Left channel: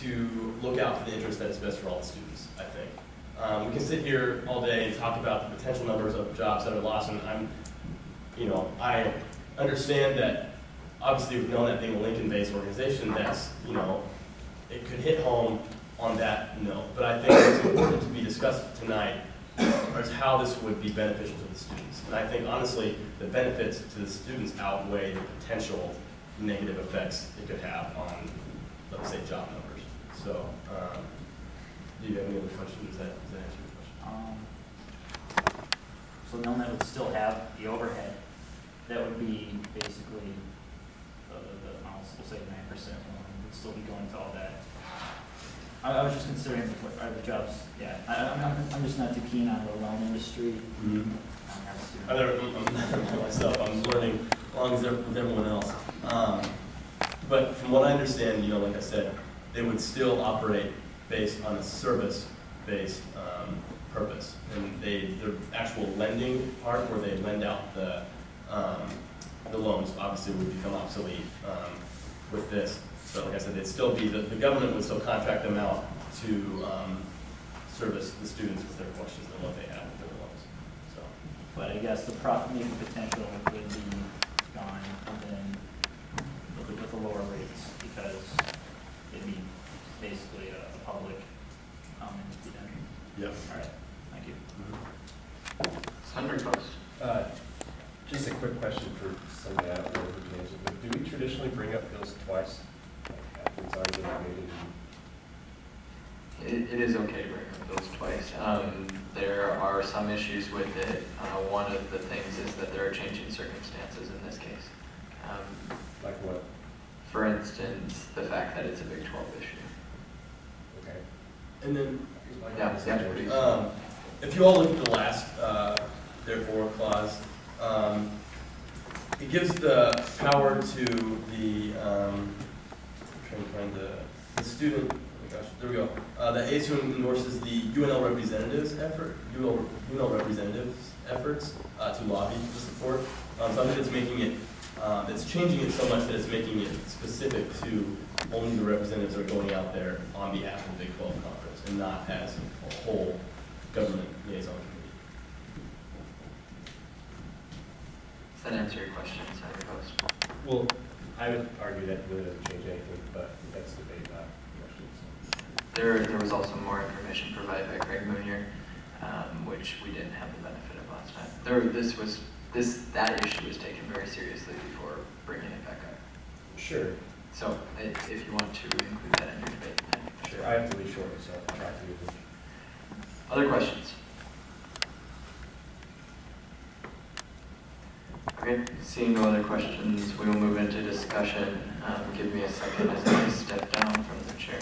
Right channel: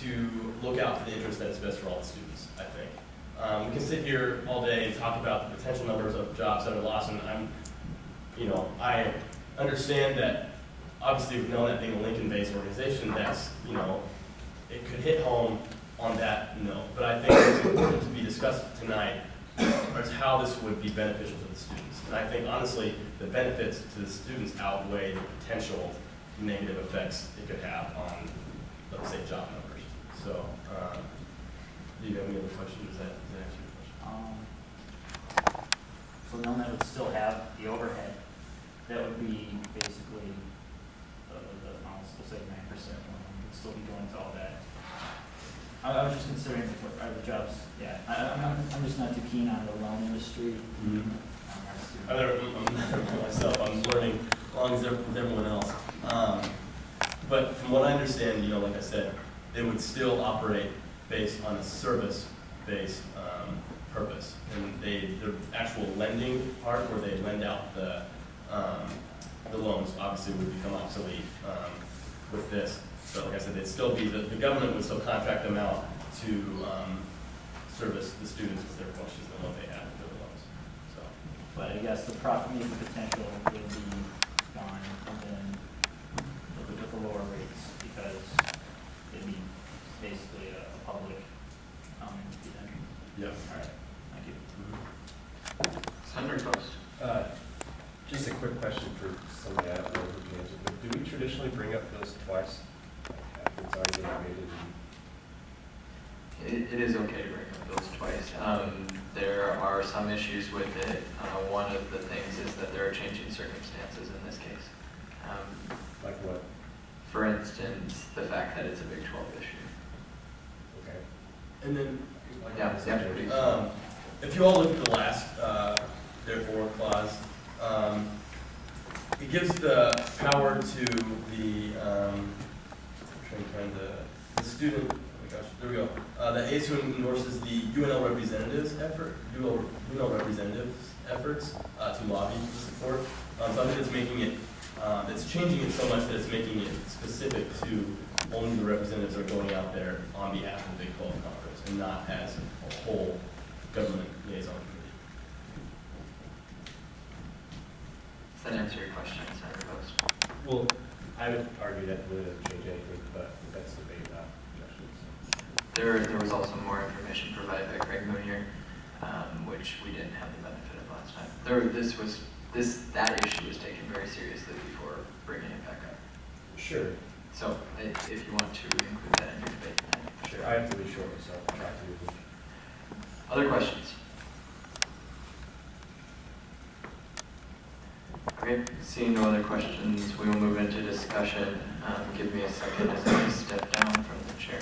to look out for the interest that is best for all the students, I think. We can sit here all day and talk about the potential numbers of jobs that are lost, and I understand that obviously we've known that being a Lincoln-based organization, that's, it could hit home on that note. But I think what's important to be discussed tonight is how this would be beneficial to the students. And I think, honestly, the benefits to the students outweigh the potential negative effects it could have on, let's say, job numbers. So, do you have any other questions? Does that answer your question? So then that would still have the overhead. That would be basically we'll say 9% would still be going to all that. I was just considering what are the jobs. Yeah, I'm just not too keen on the loan industry. Mm-hmm. I'm myself. I'm learning along with everyone else. But from what I understand, like I said, they would still operate based on a service-based purpose, and the actual lending part, where they lend out the loans, obviously would become obsolete with this. But like I said, they'd still be the government would still contract them out to service the students with their questions and what they have with their loans. So, but I guess the profit-making potential would be gone, and then with the lower rates, because it'd be basically a public entity then. Yep. All right. Thank you. Senator Coast. Just a quick question for somebody I don't know who can answer, but do we traditionally bring up bills twice after it's already been debated? It is okay to bring up bills twice. There are some issues with it. One of the things is that there are changing circumstances in this case. Like what? For instance, the fact that it's a Big 12 issue. Okay. and then if you all look at the last therefore clause, it gives the power to the I'm trying to find the student. Oh my gosh, there we go. The ASUN endorses the UNL representatives' efforts to lobby for support. So I think it's making it, it's changing it so much that it's making it specific to only the representatives are going out there on behalf of the Big 12 conference and not as a whole government liaison committee. Does that answer your question, Senator Post? Well, I would argue that it doesn't change anything, but that's debate, not questions. There was also more information provided by Craig Moonier, which we didn't have the benefit of last time. That issue was taken very seriously before bringing it back up. Sure. So if you want to include that in your debate, then sure. I have to be short, so I'll try to. Other questions? Okay, seeing no other questions, we will move into discussion. Give me a second as I step down from the chair.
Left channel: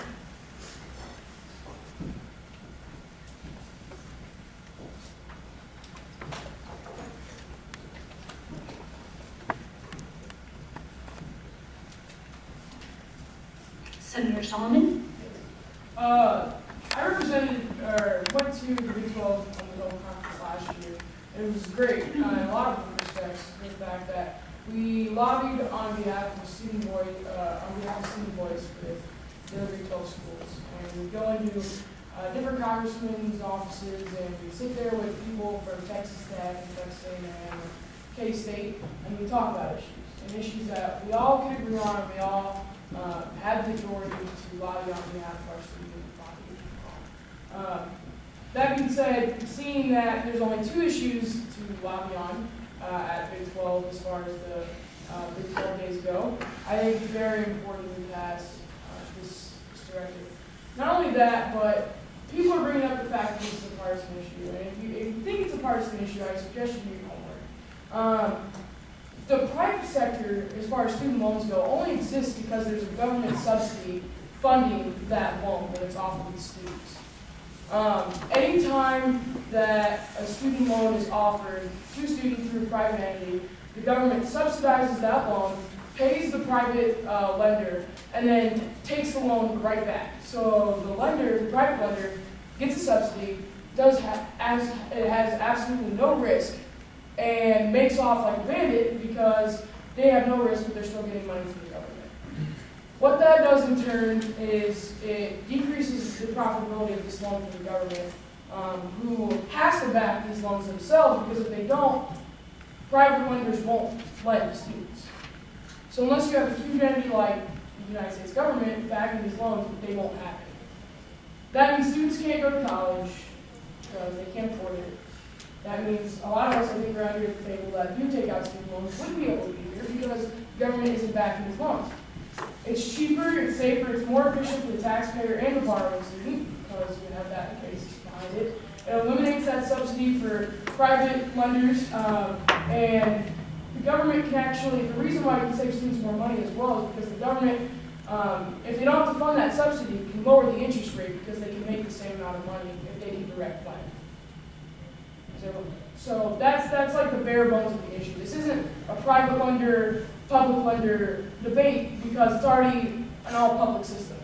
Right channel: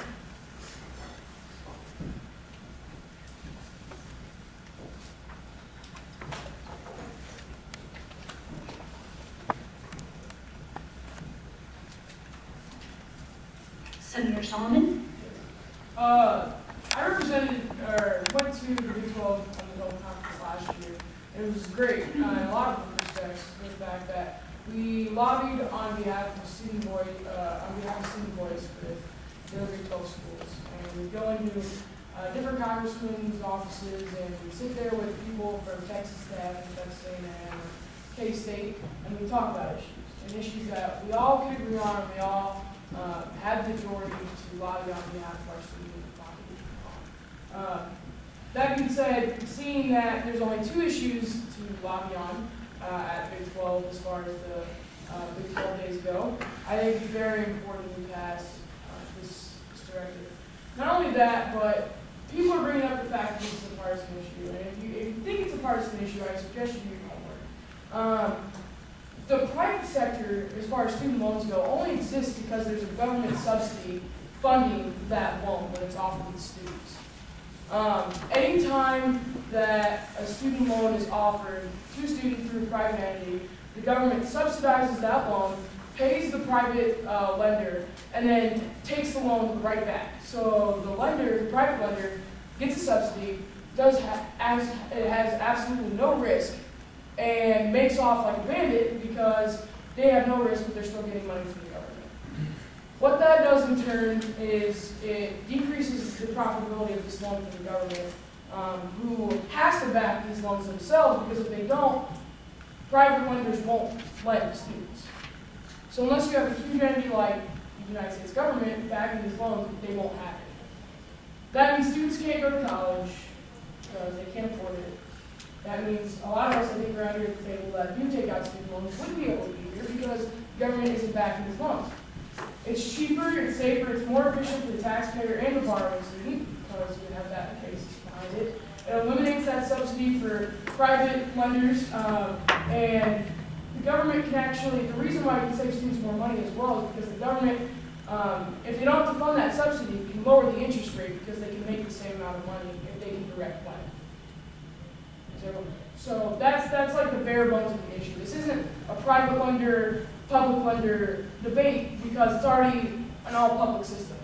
Senator Solomon? I represented, or went to the Big 12 on the Global Conference last year. It was great in a lot of respects, for the fact that we lobbied on behalf of student voice, with the other Big 12 schools. And we go into different congressmen's offices, and we sit there with people from Texas Tech, Texas A&M, K-State, and we talk about issues that we all could agree on, and we all had the majority to lobby on behalf of our student population. That being said, seeing that there's only 2 issues to lobby on at Big 12 as far as the Big 12 days go, I think it's very important to pass this directive. Not only that, but people are bringing up the fact that this is a partisan issue. And if you think it's a partisan issue, I suggest you do your homework. The private sector, as far as student loans go, only exists because there's a government subsidy funding that loan when it's offered to the students. Anytime that a student loan is offered to a student through a private entity, the government subsidizes that loan, pays the private lender, and then takes the loan right back. So the private lender, gets a subsidy, it has absolutely no risk, and makes off like a bandit because they have no risk, but they're still getting money from the government. What that does in turn is it decreases the profitability of this loan for the government, who has to back these loans themselves, because if they don't, private lenders won't lend to students. So unless you have a huge entity like the United States government backing these loans, they won't have it. That means students can't go to college because they can't afford it. That means a lot of us, I think, around here at the table that do take out student loans would be able to be here because the government isn't backing these loans. It's cheaper, it's safer, it's more efficient for the taxpayer and the borrowing student because you have that case behind it. It eliminates that subsidy for private lenders, and the government can actually, the reason why it can save students more money as well is because the government, if they don't have to fund that subsidy, can lower the interest rate because they can make the same amount of money if they can direct lend. So that's like the bare bones of the issue. This isn't a private lender, public lender debate because it's already an all-public system.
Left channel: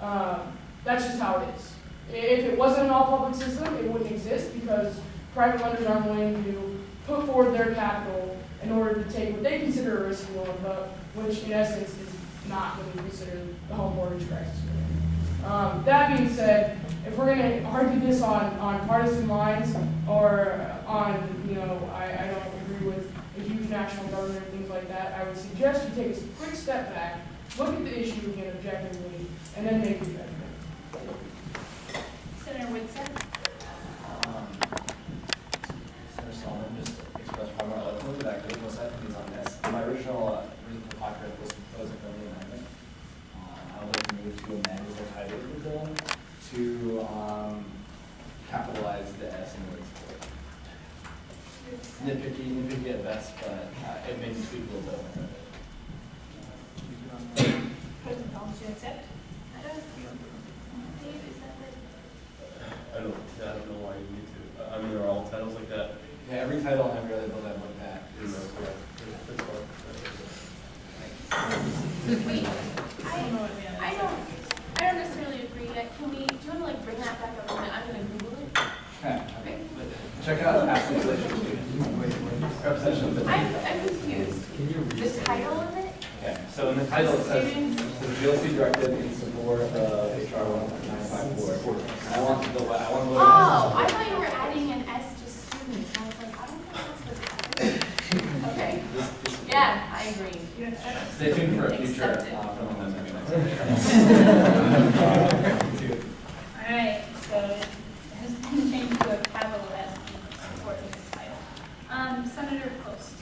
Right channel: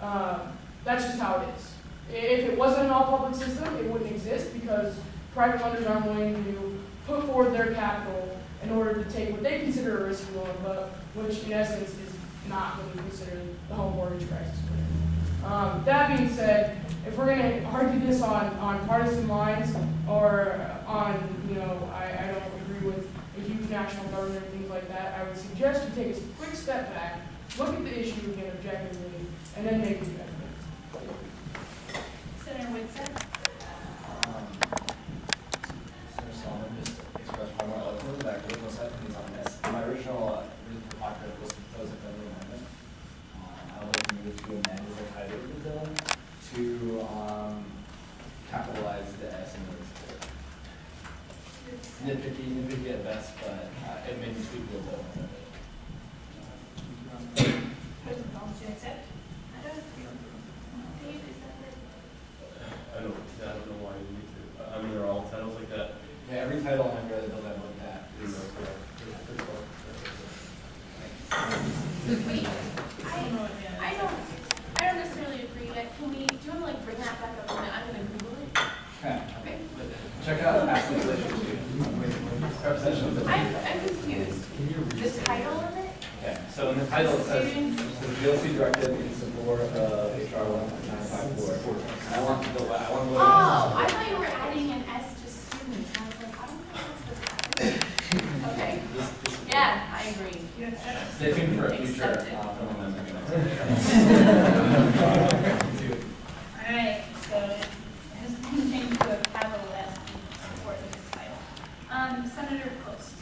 That's just how it is. If it wasn't an all-public system, it wouldn't exist because private lenders aren't willing to put forward their capital in order to take what they consider a risky loan, but which in essence is not what we consider the home mortgage crisis we're in. That being said, if we're going to argue this on partisan lines or on, I don't agree with a huge national government and things like that, I would suggest you take a quick step back, look at the issue again objectively, and then make your judgment. Senator Whitson. Senator Solomon just expressed far more eloquently that I could have most likely on this. My original reason for talking was to propose a friendly amendment. I would like to move to amend the title of the bill to capitalize the S in the support. Nitpicky at best, but it may be tweakable though. President Collins, do you accept? Dave, is that right? I don't know why you need to. I mean, they're all titles like that. Yeah, every title and every other bill that I've looked at is Wait, I don't necessarily agree yet. Do you want to like bring that back up a minute? I'm going to Google it. Okay. Check out past legislation. I'm confused. The title of it? Okay, so in the title it says, GLC directed in support of HR 1954. I want to Oh, I thought you were adding an S to students. I was like, I don't think that's the title. Okay. Yeah, I agree. Stay tuned for a future Accepted. film amendment. All right, so it has been changed to a capital S in support of this title. Senator Post.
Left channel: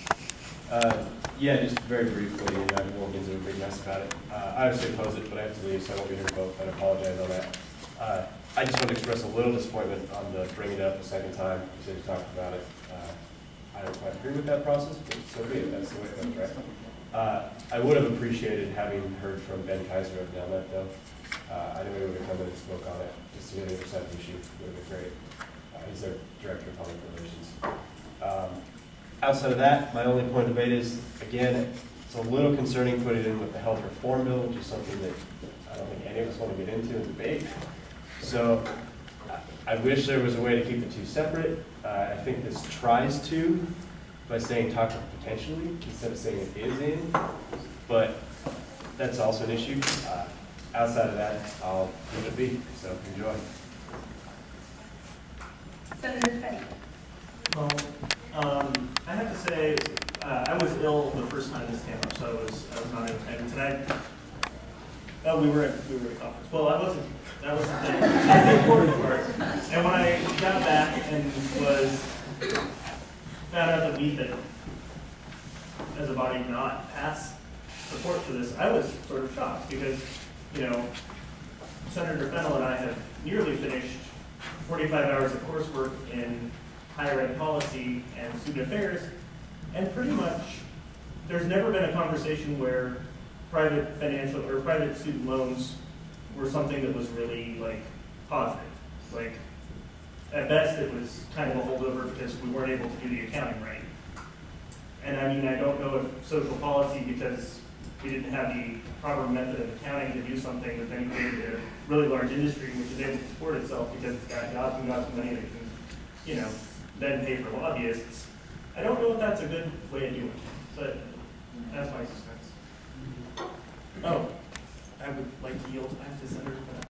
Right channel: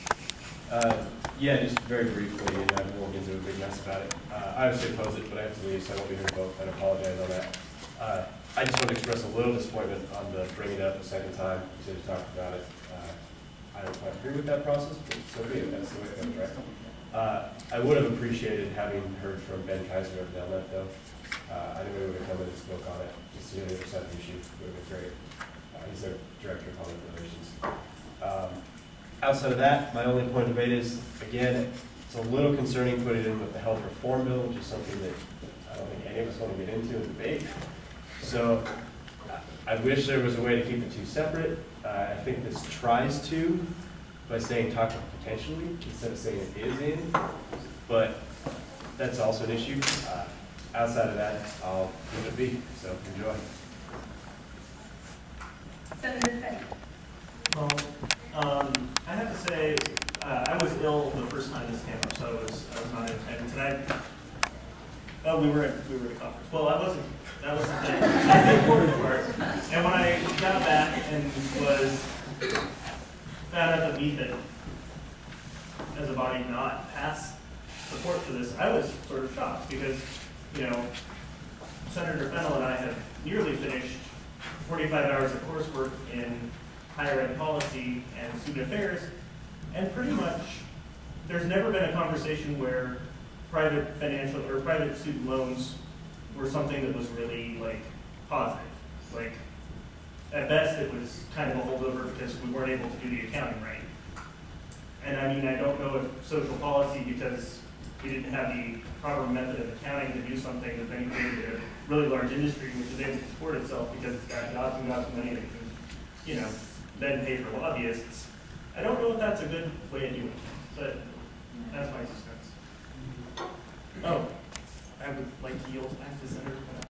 Yeah, just very briefly, and I won't get into a big mess about it. I obviously oppose it, but I have to leave, so I won't be here to vote. I apologize on that. I just want to express a little disappointment on the bringing it up a second time. You said you talked about it. I don't quite agree with that process, but so be it. That's the way it goes, right? I would have appreciated having heard from Ben Kaiser of Nelnet, though. I knew he would have come in and spoke on it, just to hear the other side of the issue. It would have been great. He's their Director of Public Relations. Outside of that, my only point of debate is, again, it's a little concerning putting it in with the health reform bill, which is something that I don't think any of us want to get into and debate. So I wish there was a way to keep the two separate. I think this tries to, by saying talk of potentially, instead of saying it is in, but that's also an issue. Outside of that, I'll leave it be, so enjoy. Senator Fenn. Well, I have to say, I was ill the first time this came up, so I was not in attendance tonight. Oh, we were at a conference. Well, that wasn't the important part. And when I got back and was found out that we had, as a body, not passed support for this, I was sort of shocked because, Senator Fennell and I have nearly finished 45 hours of coursework in higher ed policy and student affairs, and pretty much there's never been a conversation where private financial or private student loans were something that was really positive. At best it was kind of a holdover because we weren't able to do the accounting right. And I mean, I don't know if social policy, because we didn't have the proper method of accounting to do something that then created a really large industry which is able to support itself because it's got gobs and gobs of money that can, then pay for lobbyists. I don't know if that's a good way of doing it, but that's my sense. Oh, I would like to yield back to Senator Pett.